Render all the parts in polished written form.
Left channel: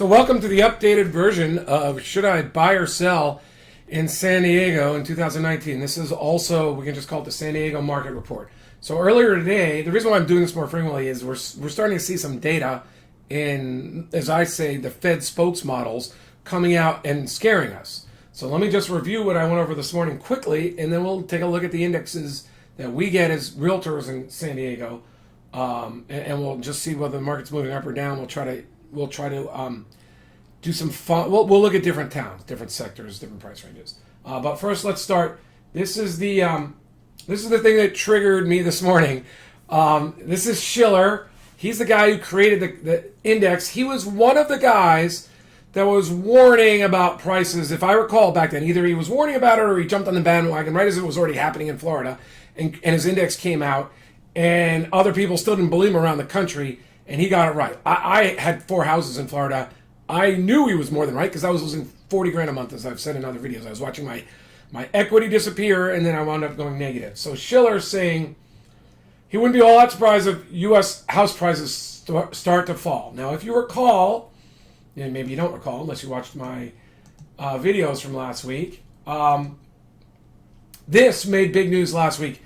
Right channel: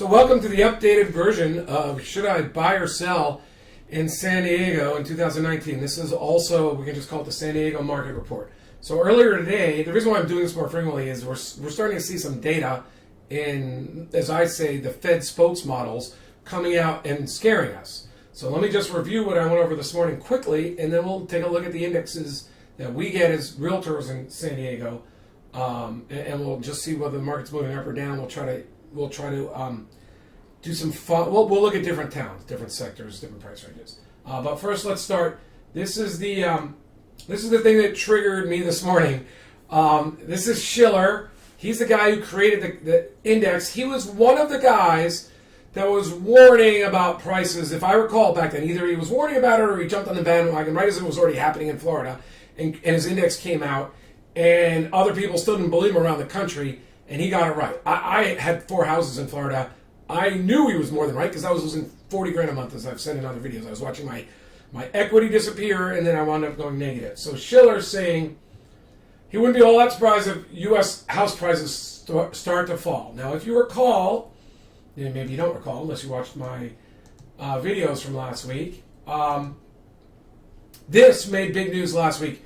So welcome to the updated version of Should I Buy or Sell in San Diego in 2019. This is also, we can just call it the San Diego Market Report. So earlier today, the reason why I'm doing this more frequently is we're starting to see some data in, as I say, the Fed spokesmodels coming out and scaring us. So let me just review what I went over this morning quickly, and then we'll take a look at the indexes that we get as realtors in San Diego, and we'll just see whether the market's moving up or down. We'll try to do some fun. We'll look at different towns, different sectors, different price ranges. But first, let's start. This is the thing that triggered me this morning. This is Shiller. He's the guy who created the index. He was one of the guys that was warning about prices. If I recall back then, either he was warning about it or he jumped on the bandwagon right as it was already happening in Florida, and his index came out, and other people still didn't believe him around the country, and he got it right. I had 4 houses in Florida. I knew he was more than right because I was losing $40,000 a month, as I've said in other videos. I was watching my equity disappear, and then I wound up going negative. So Shiller's saying he wouldn't be all that surprised if U.S. house prices start to fall. Now, if you recall, and maybe you don't recall unless you watched my videos from last week, this made big news last week.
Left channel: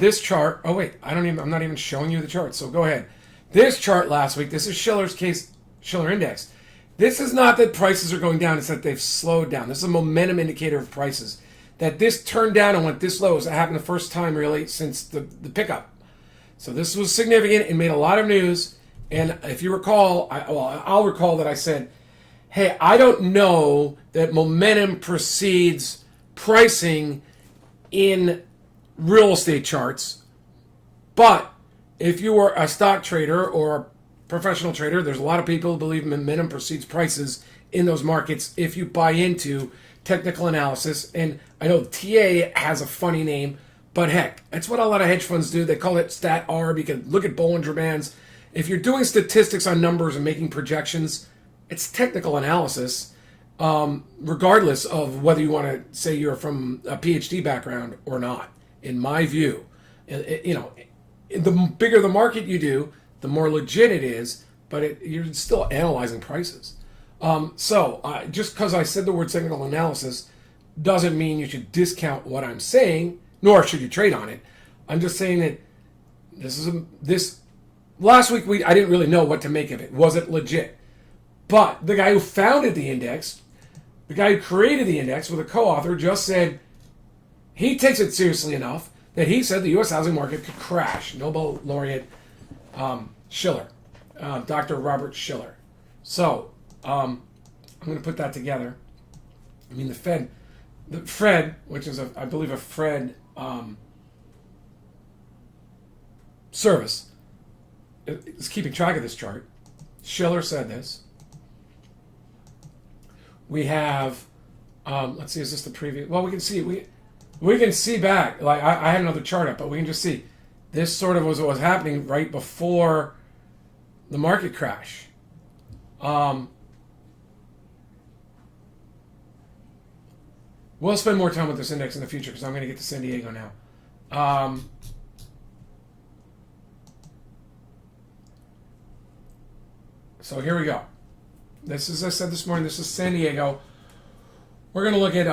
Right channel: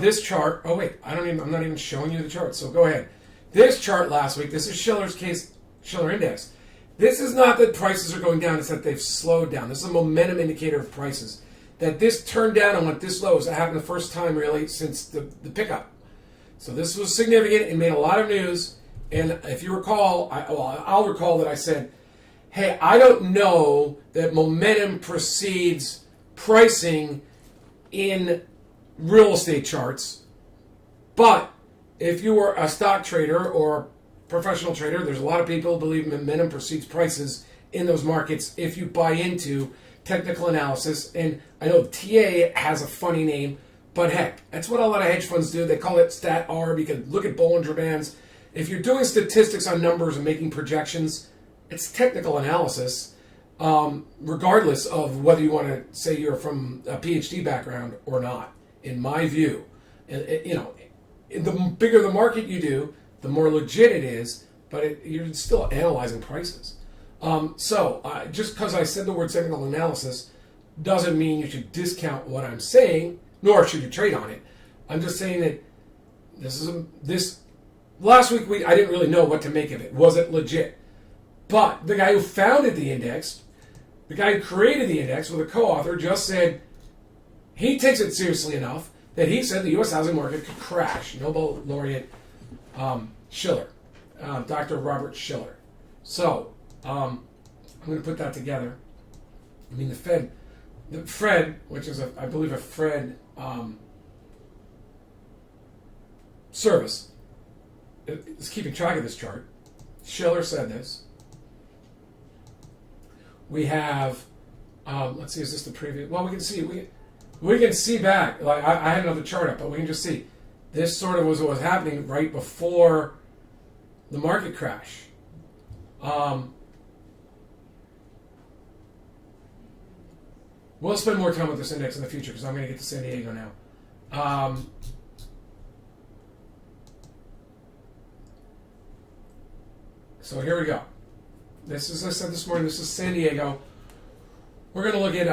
This chart, I'm not even showing you the chart, so go ahead. This chart last week, this is Shiller's case, Shiller Index. This is not that prices are going down, it's that they've slowed down. This is a momentum indicator of prices. That this turned down and went this low. It happened the first time really since the pickup. So this was significant. It made a lot of news. And if you recall, I'll recall that I said, hey, I don't know that momentum precedes pricing in real estate charts. But if you are a stock trader or a professional trader, there's a lot of people who believe momentum precedes prices in those markets if you buy into technical analysis. And I know TA has a funny name, but heck, that's what a lot of hedge funds do. They call it stat arb. You can look at Bollinger Bands. If you're doing statistics on numbers and making projections, it's technical analysis, regardless of whether you want to say you're from a PhD background or not. In my view, the bigger the market you do, the more legit it is, but you're still analyzing prices. Just because I said the word technical analysis doesn't mean you should discount what I'm saying, nor should you trade on it. I'm just saying that this last week I didn't really know what to make of it. Was it legit? But the guy who founded the index, the guy who created the index with a co-author, just said he takes it seriously enough that he said the U.S. housing market could crash. Nobel laureate Shiller, Dr. Robert Shiller. So I'm going to put that together. I mean, the Fred, which is I believe a Fred service, is keeping track of this chart. Shiller said this. We have, let's see, is this the preview? Well, we can see we can see back. Like I had another chart up, but we can just see this sort of was what was happening right before the market crash. We'll spend more time with this index in the future because I'm going to get to San Diego now. So here we go. This is, as I said this morning, this is San Diego. We're going to look at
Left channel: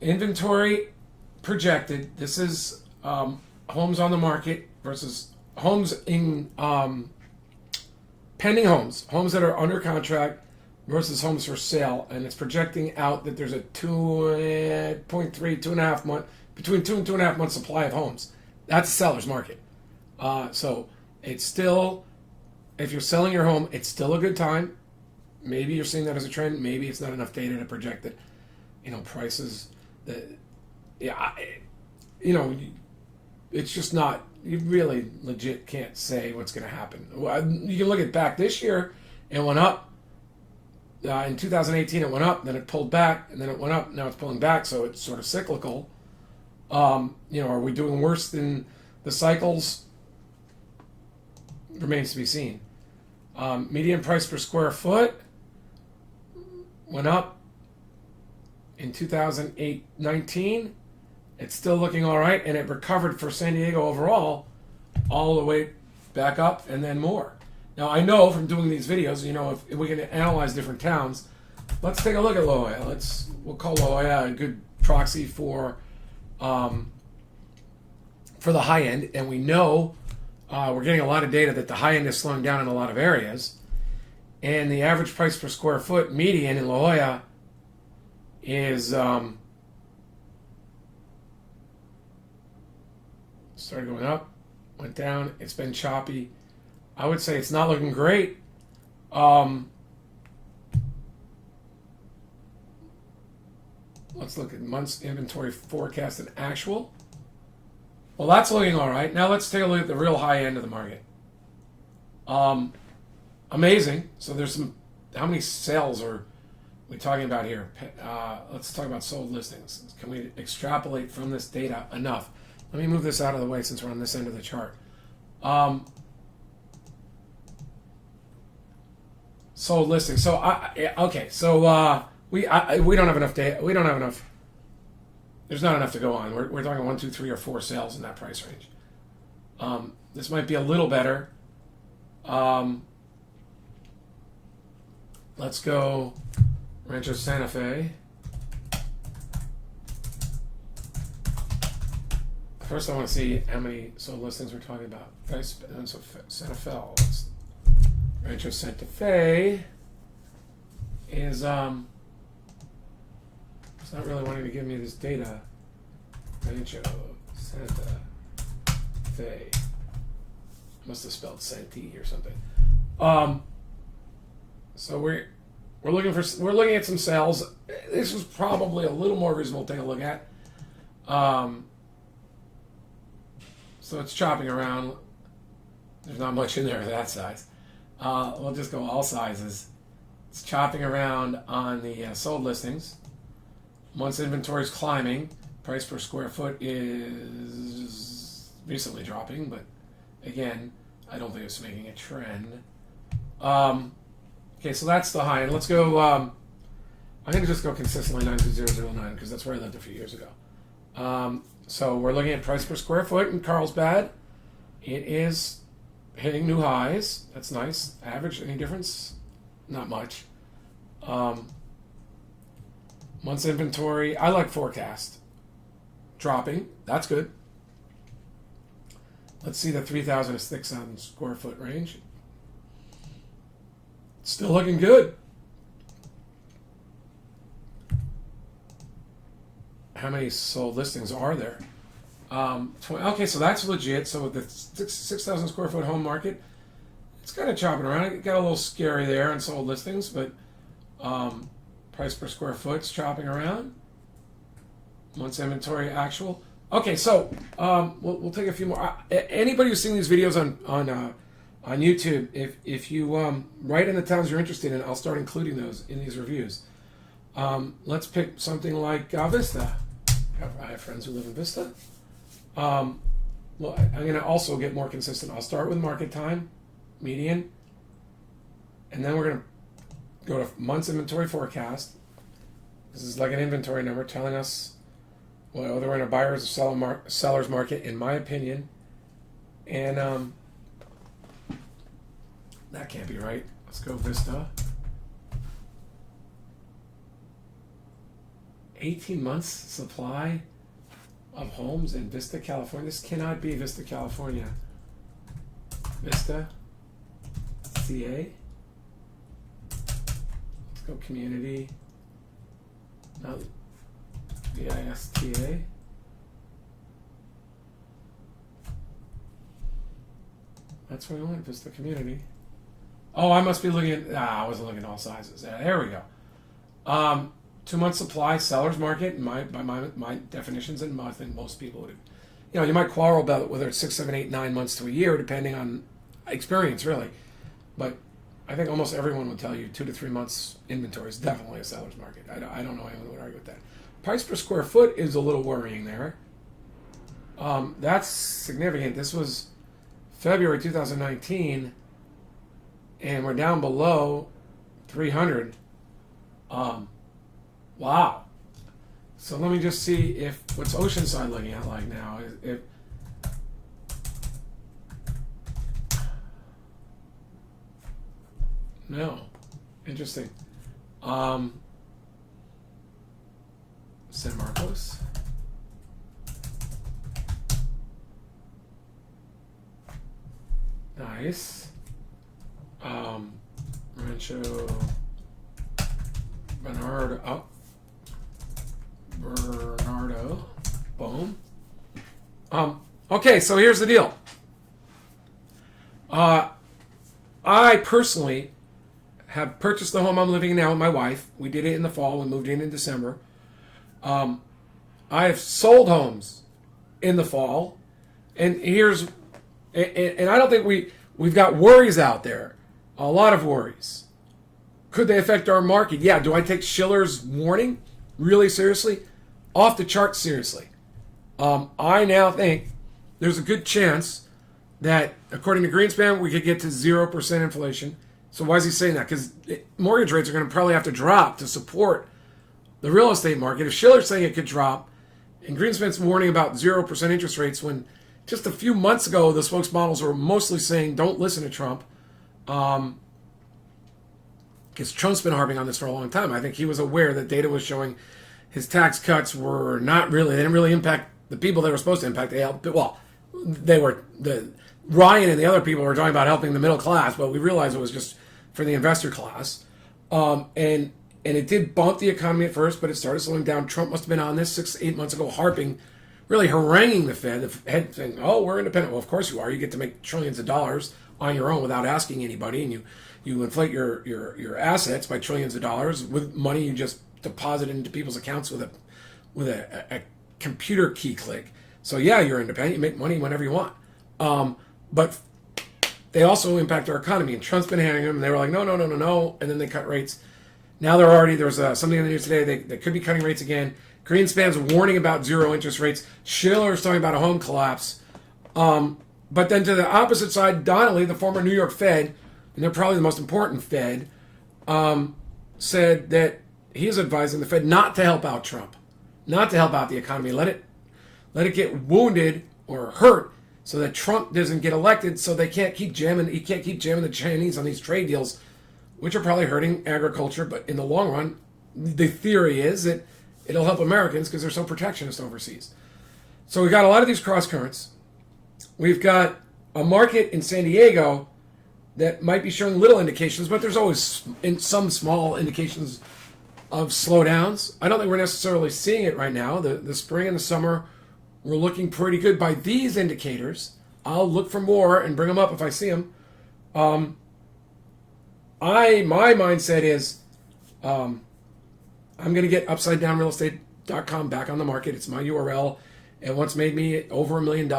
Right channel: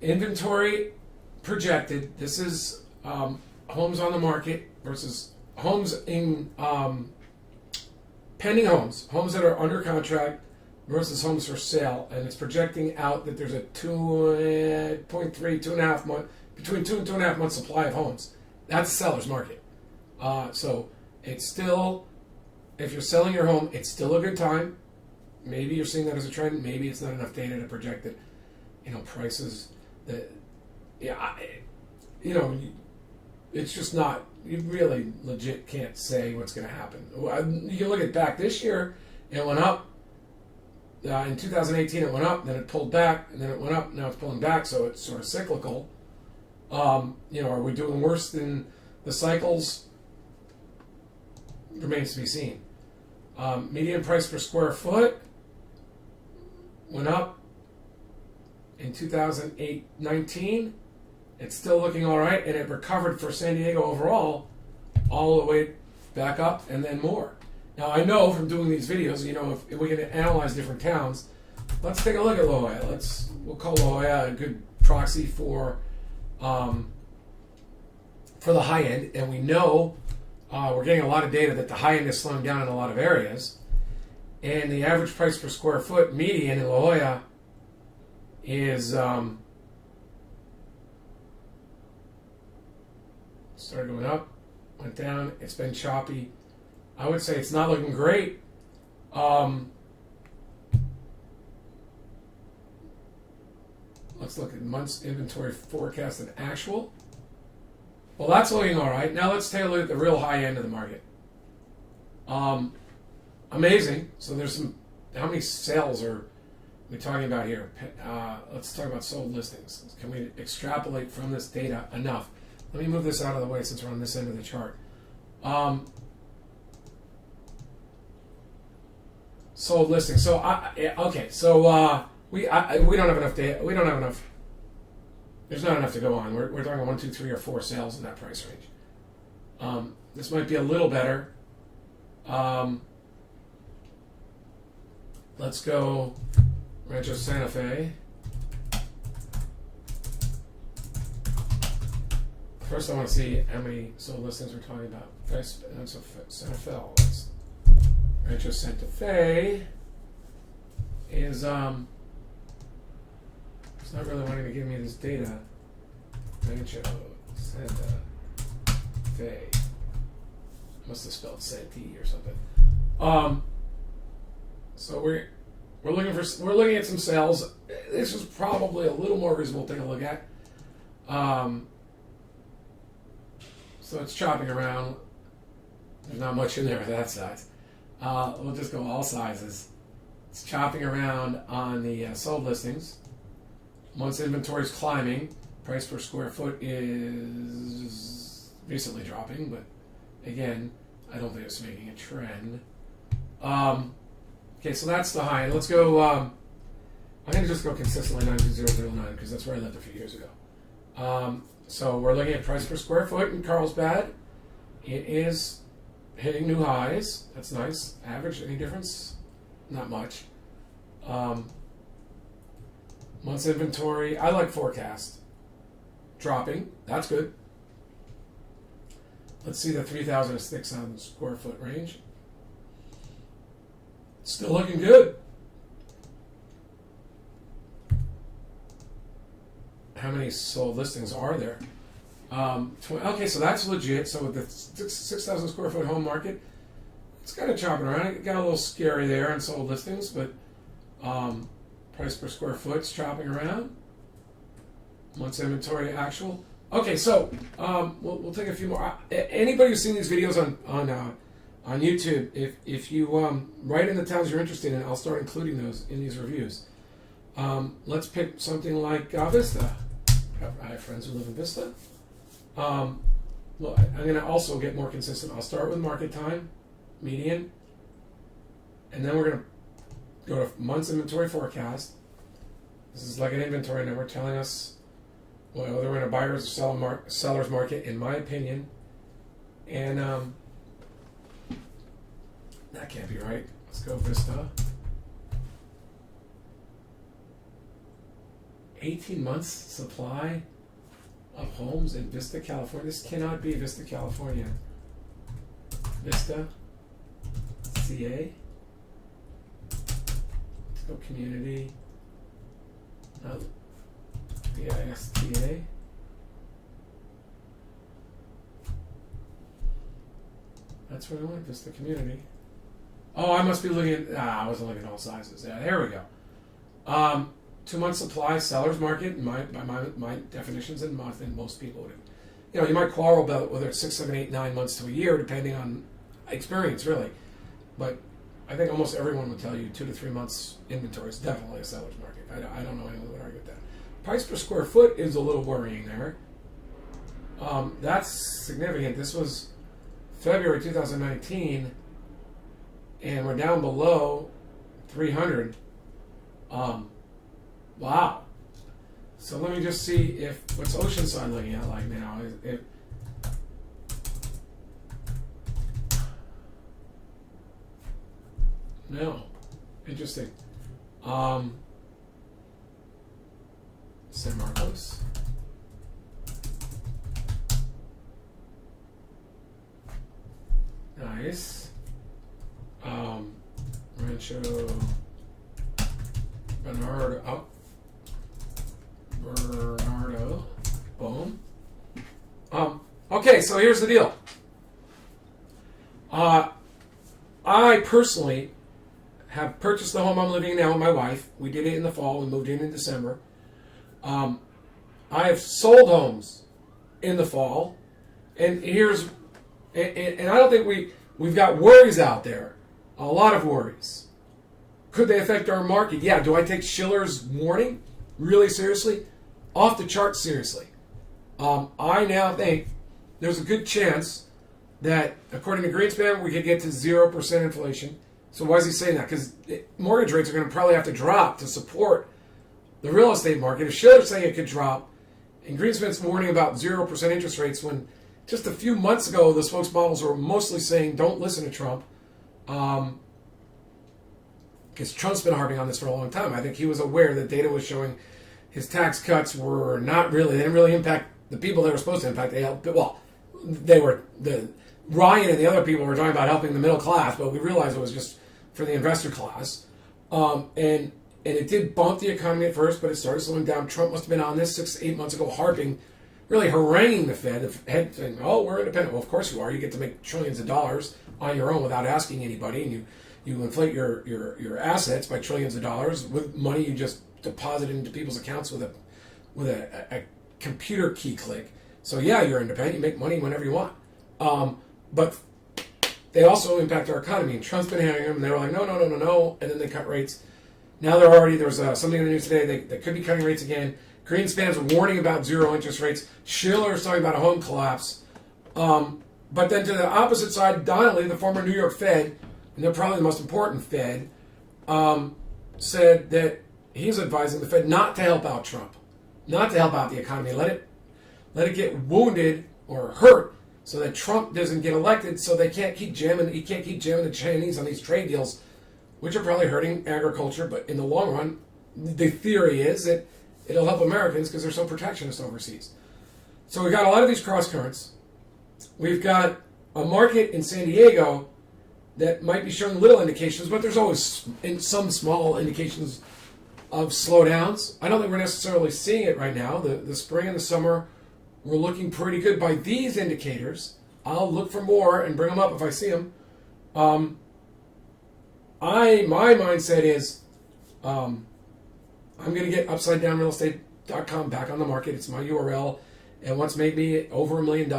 inventory projected. This is homes on the market versus homes in pending homes that are under contract versus homes for sale, and it's projecting out that there's a 2.5 month, between 2 and 2.5 months supply of homes. That's the seller's market. So it's still, if you're selling your home, it's still a good time. Maybe you're seeing that as a trend. Maybe it's not enough data to project that, prices that, it's just not, you really legit can't say what's going to happen. You can look at back this year, it went up. In 2018, it went up, then it pulled back, and then it went up. Now it's pulling back, so it's sort of cyclical. Are we doing worse than the cycles? Remains to be seen. Median price per square foot went up in 2019. It's still looking all right, and it recovered for San Diego overall all the way back up and then more. Now I know from doing these videos, if we can analyze different towns, let's take a look at La Jolla. We'll call La Jolla a good proxy for the high end, and we know we're getting a lot of data that the high end is slowing down in a lot of areas, and the average price per square foot median in La Jolla is started going up, went down. It's been choppy. I would say it's not looking great. Let's look at months inventory forecast and actual. Well, that's looking all right. Now let's take a look at the real high end of the market. Amazing. So there's some. How many sales are we talking about here? Let's talk about sold listings. Can we extrapolate from this data enough? Let me move this out of the way since we're on this end of the chart. Sold listings. So okay. So we don't have enough data. We don't have enough. There's not enough to go on. We're talking 1, 2, 3, or 4 sales in that price range. This might be a little better. Let's go Rancho Santa Fe. First, I want to see how many sold listings we're talking about. Guys, Santa Fe. Rancho Santa Fe is it's not really wanting to give me this data. Rancho Santa Fe. Must have spelled Santee or something. So we're looking at some sales. This is probably a little more reasonable to take a look at. So it's chopping around. There's not much in there of that size. We'll just go all sizes. It's chopping around on the sold listings. Months inventory is climbing. Price per square foot is recently dropping, but again, I don't think it's making a trend. Okay, so that's the high end. Let's go. I'm going to just go consistently 92009 because that's where I lived a few years ago. So we're looking at price per square foot in Carlsbad. It is hitting new highs. That's nice. Average, any difference? Not much. Months inventory, I like forecast. Dropping, that's good. Let's see the 3,000 to 6,000 square foot range. Still looking good. How many sold listings are there? Okay, so that's legit. So the 6,000 square foot home market, it's kind of chopping around. It got a little scary there on sold listings, but price per square foot's chopping around. Months inventory actual. Okay, so we'll take a few more. Anybody who's seen these videos on YouTube, if you write in the towns you're interested in, I'll start including those in these reviews. Let's pick something like Vista. I have friends who live in Vista. Well, I'm going to also get more consistent. I'll start with market time, median, and then we're going to go to months inventory forecast. This is like an inventory number telling us whether we're in a buyer's or seller's market, in my opinion. And that can't be right. Let's go Vista. 18 months supply of homes in Vista, California. This cannot be Vista, California. Vista, CA. Let's go community. No, VISTA. That's where I went, Vista community. Oh, I must be looking at, I wasn't looking at all sizes. There we go. 2 months supply, seller's market, by my definitions, and I think most people would, you might quarrel about whether it's 6, 7, 8, 9 months to a year, depending on experience, really. But I think almost everyone would tell you 2 to 3 months inventory is definitely a seller's market. I don't know anyone who would argue with that. Price per square foot is a little worrying there. That's significant. This was February 2019, and we're down below 300. Wow. So let me just see what's Oceanside looking at like now. No. Interesting. San Marcos. Nice. Rancho Bernardo. Oh. Bernardo. Boom. Okay, so here's the deal. I personally have purchased the home I'm living in now with my wife. We did it in the fall. We moved in December. I have sold homes in the fall, and and I don't think we've got worries out there. A lot of worries. Could they affect our market? Yeah. Do I take Shiller's warning really seriously? Off the charts seriously. I now think there's a good chance that, according to Greenspan, we could get to 0% inflation. So why is he saying that? Because mortgage rates are going to probably have to drop to support the real estate market. If Shiller's saying it could drop, and Greenspan's warning about 0% interest rates, when just a few months ago the spokesmodels were mostly saying don't listen to Trump, because Trump's been harping on this for a long time. I think he was aware that data was showing his tax cuts were not really, they didn't really impact the people they were supposed to impact. Ryan and the other people were talking about helping the middle class, but we realized it was just for the investor class. And it did bump the economy at first, but it started slowing down. Trump must have been on this 6-8 months ago, harping, really haranguing the Fed. The Fed saying, "Oh, we're independent." Well, of course you are. You get to make trillions of dollars on your own without asking anybody, and you inflate your assets by trillions of dollars with money you just deposit into people's accounts with a computer key click. So yeah, you're independent. You make money whenever you want. But they also impact our economy. And Trump's been hammering them, and they were like, no, and then they cut rates. Now there's something in the news today, they could be cutting rates again. Greenspan's warning about zero interest rates. Shiller's talking about a home collapse. But then to the opposite side, Donnelly, the former New York Fed, and they're probably the most important Fed, said that he's advising the Fed not to help out Trump, not to help out the economy. Let it get wounded or hurt so that Trump doesn't get elected, so he can't keep jamming the Chinese on these trade deals, which are probably hurting agriculture, but in the long run, the theory is that it'll help Americans because they're so protectionist overseas. So we've got a lot of these cross currents. We've got a market in San Diego that might be showing little indications, but there's always some small indications of slowdowns. I don't think we're necessarily seeing it right now. The spring and the summer were looking pretty good by these indicators. I'll look for more and bring them up if I see them. My mindset is I'm going to get UpsideDownRealEstate.com back on the market. It's my URL. And once made me over $1 million.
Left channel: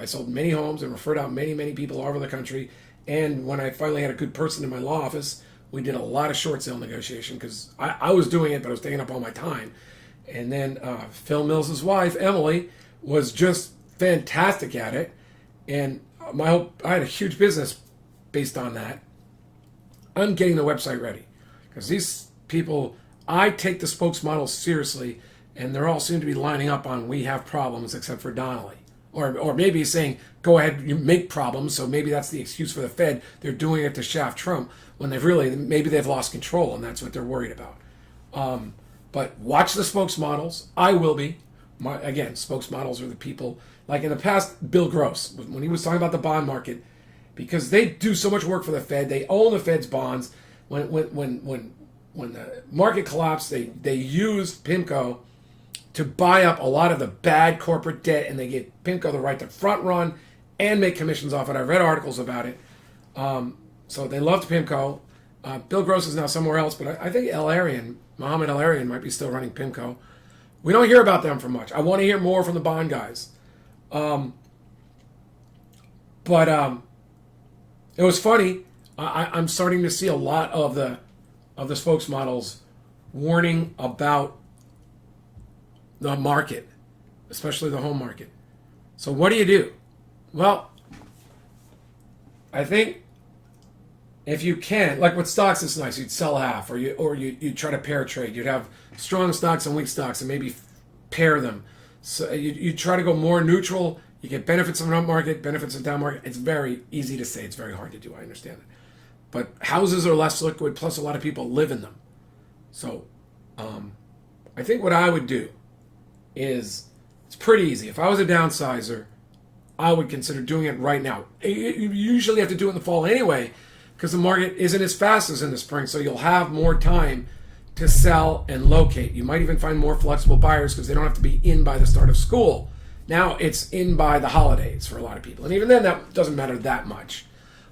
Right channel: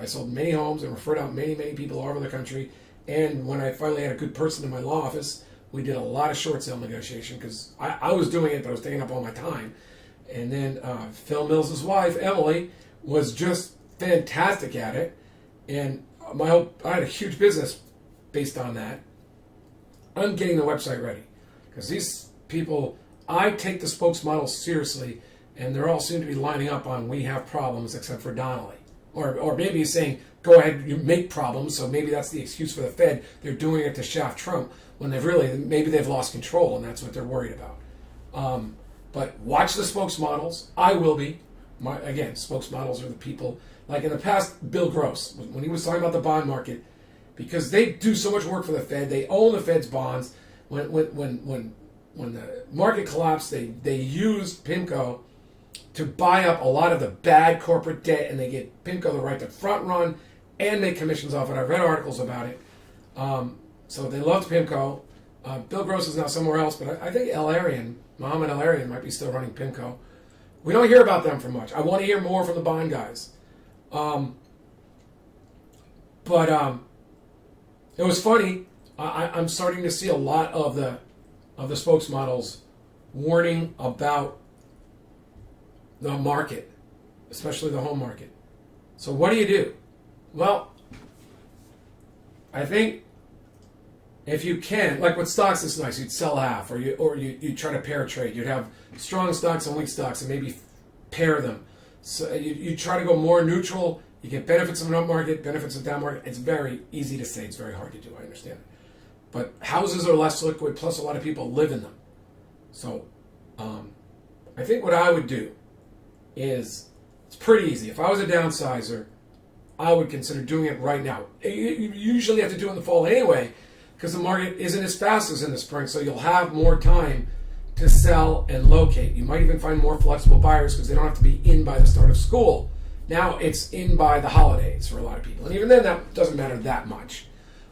I sold many homes and referred out many people all over the country. And when I finally had a good person in my law office, we did a lot of short sale negotiation because I was doing it, but I was taking up all my time. And then Phil Mills' wife, Emily, was just fantastic at it. And I had a huge business based on that. I'm getting the website ready because these people, I take the spokesmodels seriously, and they're all soon to be lining up on we have problems except for Donnelly. Or maybe saying, go ahead, you make problems, so maybe that's the excuse for the Fed. They're doing it to shaft Trump when maybe they've lost control, and that's what they're worried about. But watch the spokesmodels. I will be. Again, spokesmodels are the people, like in the past, Bill Gross, when he was talking about the bond market, because they do so much work for the Fed, they own the Fed's bonds. When the market collapsed, they used PIMCO to buy up a lot of the bad corporate debt, and they gave PIMCO the right to front run and make commissions off it. I read articles about it. So they loved PIMCO. Bill Gross is now somewhere else, but I think Mohammed El-Arian might be still running PIMCO. We don't hear about them for much. I want to hear more from the bond guys. But it was funny. I'm starting to see a lot of the spokesmodels warning about the market, especially the home market. So what do? Well, I think if you can, like with stocks, it's nice. You'd sell half, or you try to pair trade. You'd have strong stocks and weak stocks, and maybe pair them. So you try to go more neutral. You get benefits of an up market, benefits of down market. It's very easy to say. It's very hard to do. I understand it. but houses are less liquid, plus a lot of people live in them. So I think what I would do is, it's pretty easy. If I was a downsizer, I would consider doing it right now. You usually have to do it in the fall anyway, because the market isn't as fast as in the spring, so you'll have more time to sell and locate. You might even find more flexible buyers because they don't have to be in by the start of school. Now it's in by the holidays for a lot of people, and even then that doesn't matter that much.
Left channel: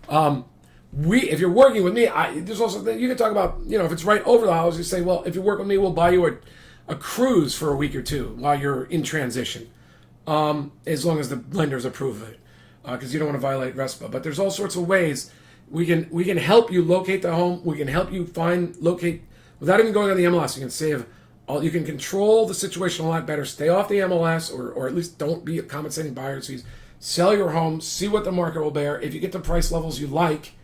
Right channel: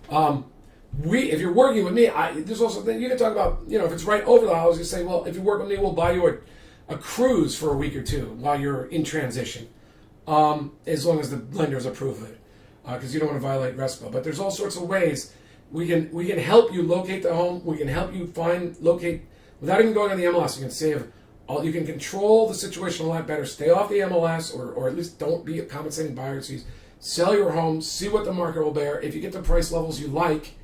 If you're working with me, there's also, you can talk about, if it's right over the holidays, you say, well, if you work with me, we'll buy you a cruise for a week or two while you're in transition, as long as the lenders approve of it, because you don't want to violate RESPA. But there's all sorts of ways we can help you locate the home. We can help you locate without even going on the MLS. You can control the situation a lot better. Stay off the MLS, or at least don't be a compensating buyer fees. Sell your home, see what the market will bear. If you get the price levels you like,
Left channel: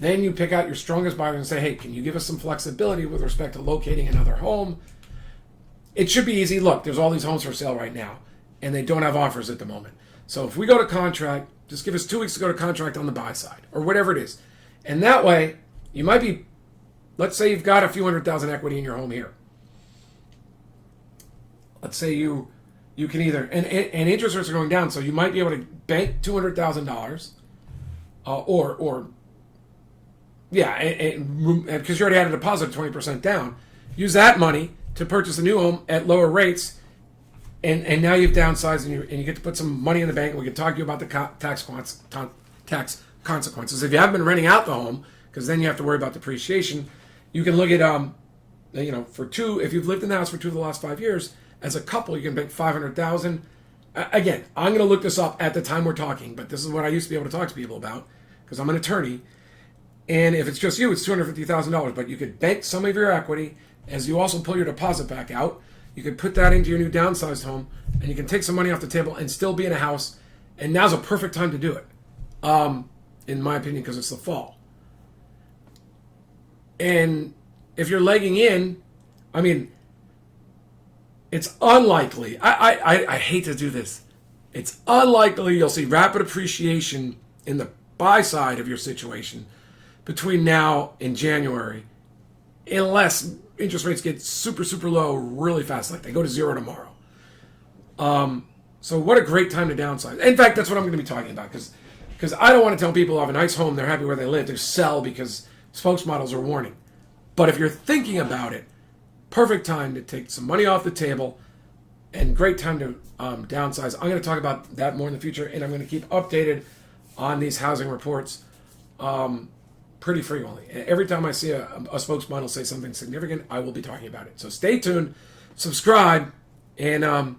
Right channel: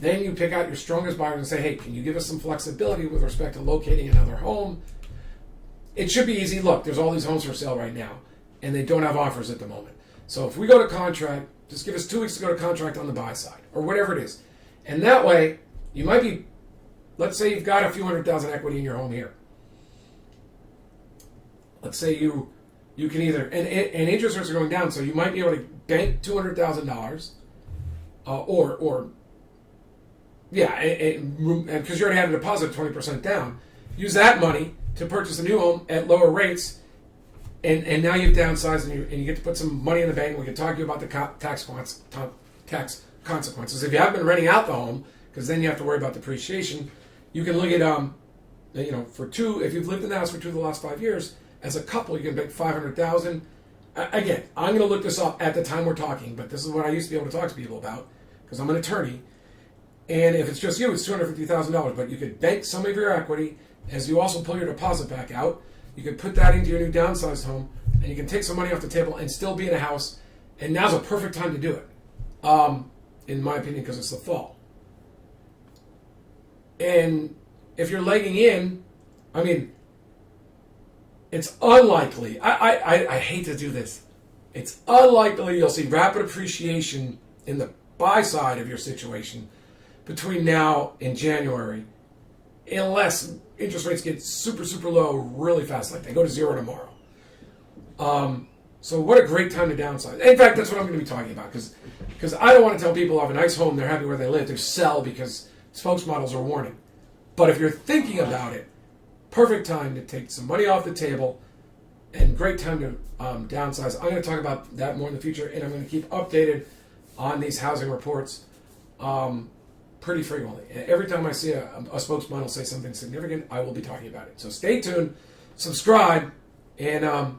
then you pick out your strongest buyers and say, hey, can you give us some flexibility with respect to locating another home? It should be easy. Look, there's all these homes for sale right now, and they don't have offers at the moment. So if we go to contract, just give us 2 weeks to go to contract on the buy side, or whatever it is. And that way, you might be, let's say you've got a few $100,000 equity in your home here. Let's say you can either, and interest rates are going down, so you might be able to bank $200,000, because you already had a deposit of 20% down. Use that money to purchase a new home at lower rates, and now you've downsized, and you get to put some money in the bank. We can talk to you about the tax consequences. If you haven't been renting out the home, because then you have to worry about depreciation, you can look at, if you've lived in the house for 2 of the last 5 years, as a couple, you can bank $500,000. Again, I'm going to look this up at the time we're talking, but this is what I used to be able to talk to people about, because I'm an attorney. And if it's just you, it's $250,000. But you could bank some of your equity as you also pull your deposit back out. You could put that into your new downsized home, and you can take some money off the table and still be in a house. And now's a perfect time to do it, in my opinion, because it's the fall. And if you're legging in, it's unlikely. I hate to do this. It's unlikely you'll see rapid appreciation in the buy side of your situation between now and January, unless interest rates get super, super low really fast, like they go to 0 tomorrow. So what a great time to downsize. In fact, that's what I'm going to be talking about, because I don't want to tell people who have a nice home, they're happy where they live, to sell because spokesmodels are warning. But if you're thinking about it, perfect time to take some money off the table, and great time to downsize. I'm going to talk about that more in the future, and I'm going to keep updated on these housing reports pretty frequently. And every time I see a spokesmodel say something significant, I will be talking about it. So stay tuned, subscribe, and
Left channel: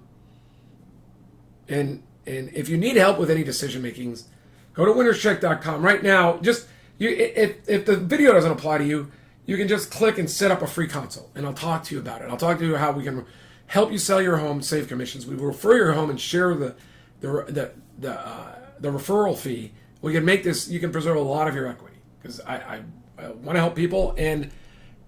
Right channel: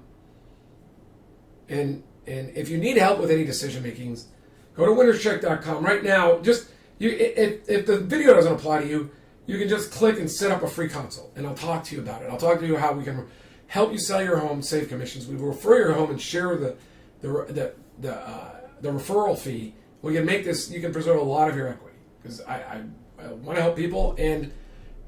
if you need help with any decision makings, go to winnerscheck.com right now. If the video doesn't apply to you, you can just click and set up a free consult, and I'll talk to you about it. I'll talk to you how we can help you sell your home, save commissions. We will refer your home and share the referral fee. We can make this. You can preserve a lot of your equity, because I want to help people. And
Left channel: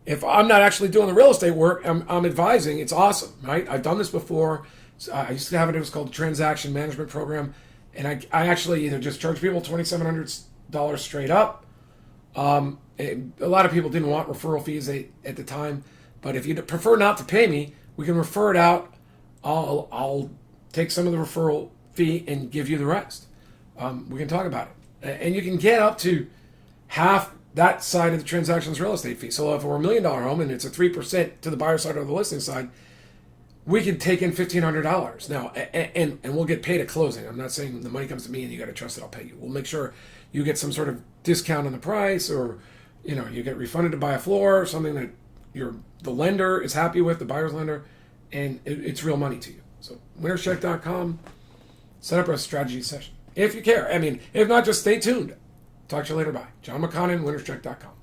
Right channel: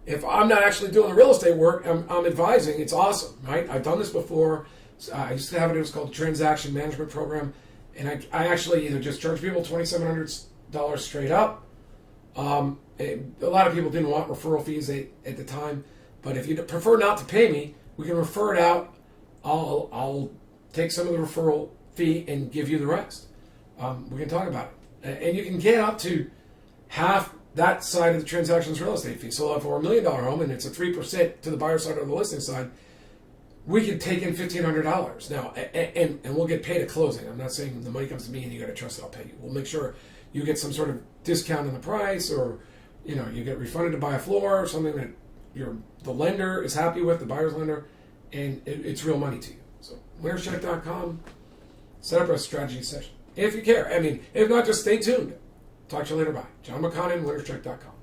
if I'm not actually doing the real estate work, I'm advising. It's awesome, right? I've done this before. So I used to have it. It was called the Transaction Management Program, and I actually either just charge people $2,700 straight up. A lot of people didn't want referral fees at the time, but if you prefer not to pay me, we can refer it out. I'll take some of the referral fee and give you the rest. We can talk about it, and you can get up to half that side of the transaction's real estate fee. So if we're $1 million home and it's a 3% to the buyer side or the listing side, we can take in $1,500 now, and we'll get paid at closing. I'm not saying the money comes to me and you got to trust that I'll pay you. We'll make sure you get some sort of discount on the price, or you get refunded to buy a floor, or something that the lender is happy with, the buyer's lender, and it's real money to you. So winnerscheck.com, set up a strategy session if you care. If not, just stay tuned. Talk to you later. Bye. John McConnon, winnerscheck.com.